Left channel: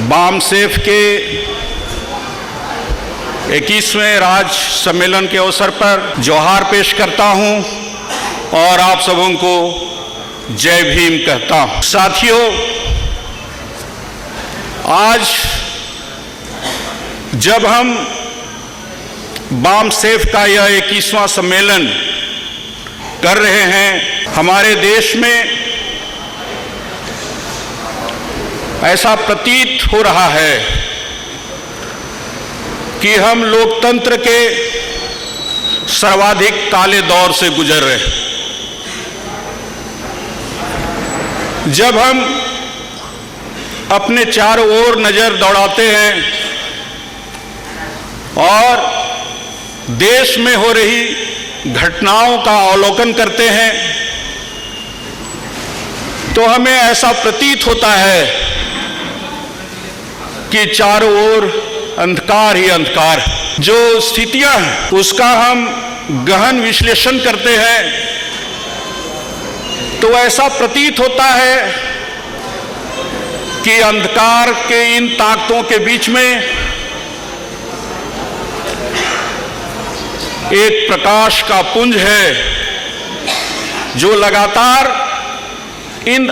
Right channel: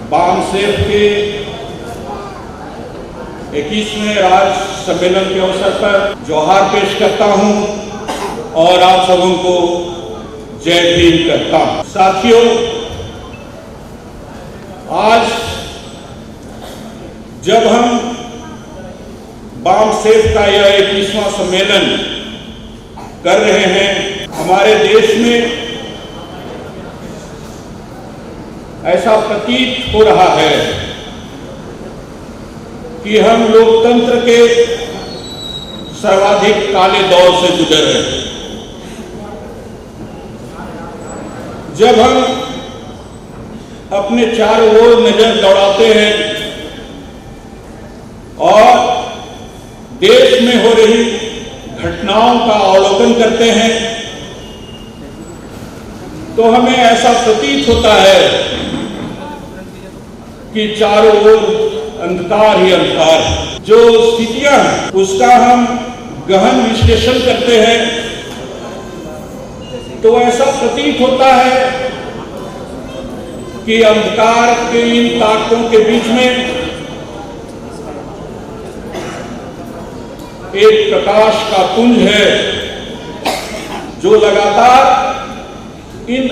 बामसेफ के 21वें राज्य सम्मेलन के अवसर पर जोहार पेश करता हूं और आप सबों को जय भीम कहता हूं। साथियों, आज जब हम बामसेफ का यह 21वां सम्मेलन कर रहे हैं, हमारे देश में ऐसा प्रतीत हो रहा है कि हम लोकतंत्र के सर्वाधिक काले दौर से गुजर रहे हैं। जब हम अपने चारों ओर नजर दौड़ाते हैं और देश में हो रही घटनाओं का अवलोकन करते हैं, तो हमें ऐसा प्रतीत होता है कि चारों ओर अंधकार ही अंधकार है। जो स्थितियां हैं उसका हम गहन विश्लेषण करते हैं तो ऐसा प्रतीत होता है कि अंधकार के इन ताकतों के बीच में एक प्रकाश का पुंज है जो लगातार इन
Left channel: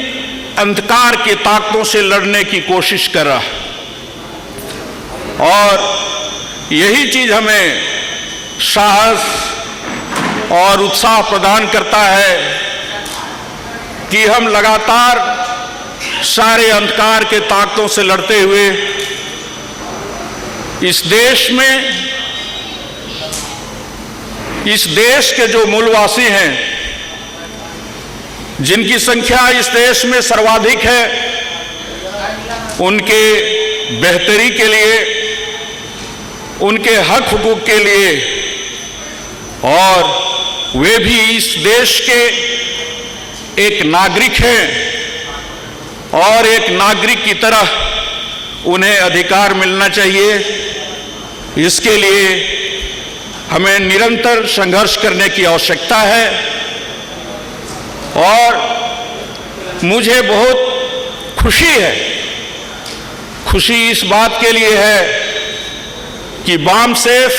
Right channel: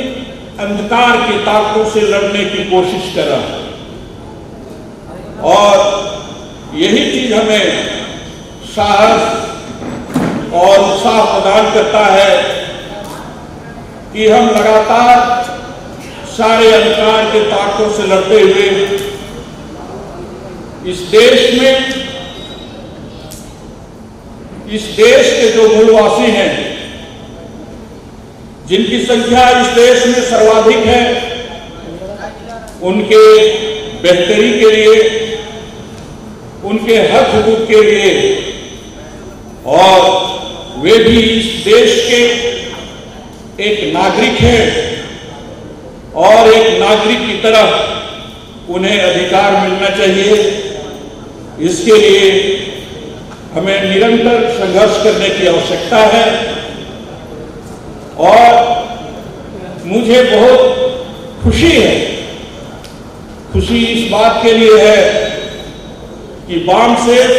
अंधकार की ताकतों से लड़ने की कोशिश कर रहा है। और यही चीज हमें साहस और उत्साह प्रदान करता है कि हम लगातार सारे अंधकार के ताकतों से लड़ते हुए इस देश के जो मूलवासी हैं, जिनकी संख्या इस देश में सर्वाधिक है, उनके बेहतरी के लिए, उनके हक हुकूक के लिए, और वे भी इस देश के एक नागरिक हैं और एक नागरिक की तरह उन्हें अधिकार मिलना चाहिए। इसके लिए हमें निरंतर संघर्ष करने की आवश्यकता है। और मुझे बहुत खुशी है, खुशी इस बात के लिए है कि बामसेफ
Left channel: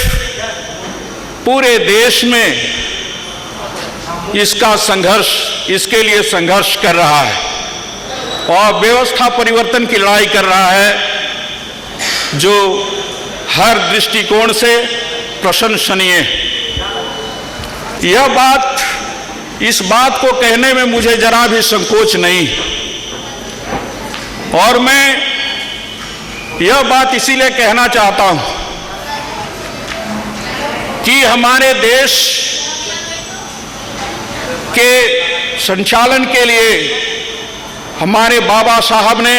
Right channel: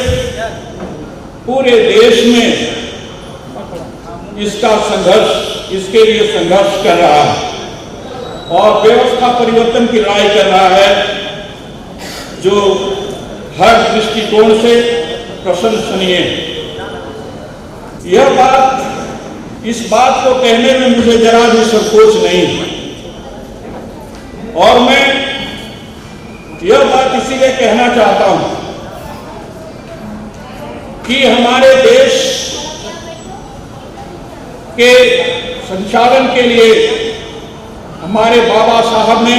पूरे देश में इसके लिए संघर्ष कर रहा है और व्यवस्था परिवर्तन की लड़ाई कर रहा है, जो हर दृष्टिकोण से प्रशंसनीय है। इस बात को कहने में मुझे जरा भी संकोच नहीं, और मैं यह बात इसीलिए कहना चाहता हूं कि हमारे देश के संचालन के लिए हमारे बाबा साहब ने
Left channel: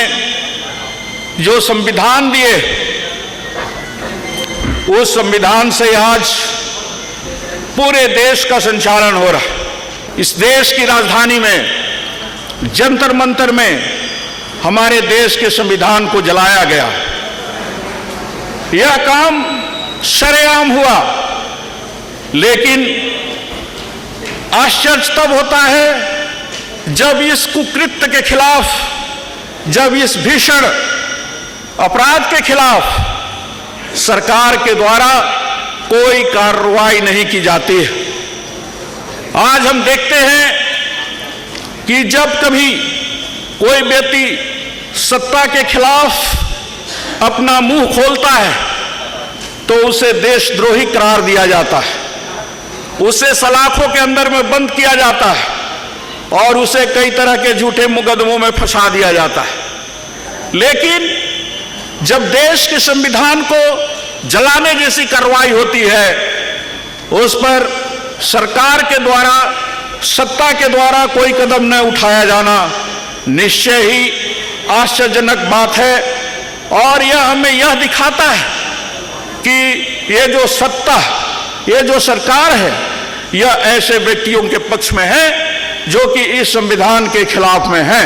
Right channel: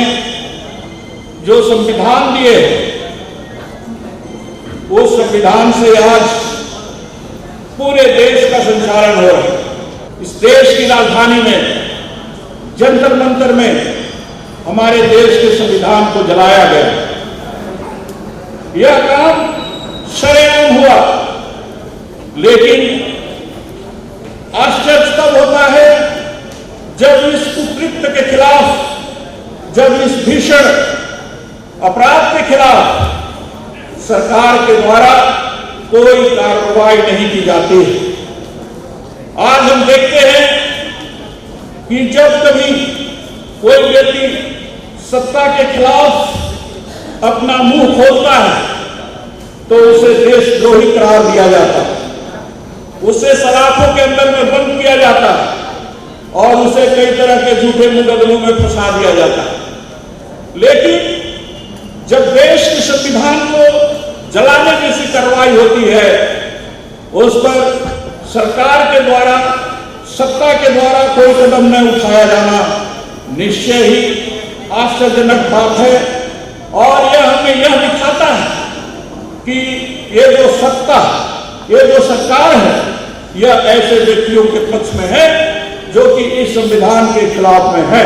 जो संविधान दिए, उस संविधान से आज पूरे देश का संचालन हो रहा है। इस देश की राजधानी में जंतर मंतर में हमारे देश के संविधान को जलाया गया। यह काम सरेआम हुआ, लेकिन आश्चर्य तब होता है जब इस कुकृत्य के खिलाफ, जब इस भीषण अपराध के खिलाफ सरकार के द्वारा कोई कार्रवाई नहीं की जाती है। आज हम देखते हैं कि जब कभी कोई व्यक्ति सत्ता के खिलाफ अपना मुंह खोलता है तो उसे देशद्रोही करार दिया जाता है, उसे सलाखों के अंदर में बंद किया जाता है और उसे कई तरह के झूठे मुकदमों में फंसा दिया जाता है। लेकिन जब देश के संविधान को जलाने जैसी कार्रवाई होती है, उस पर सरकार के द्वारा, सत्ता के द्वारा कोई कदम न उठाया जाना निश्चय ही आश्चर्यजनक बात है। और यह हमें यह दिखाता है कि ये जो सत्ता, ये जो सरकार है, यह ऐसे व्यक्तियों के पक्ष में है जो कि इस संविधान के खिलाफ में है।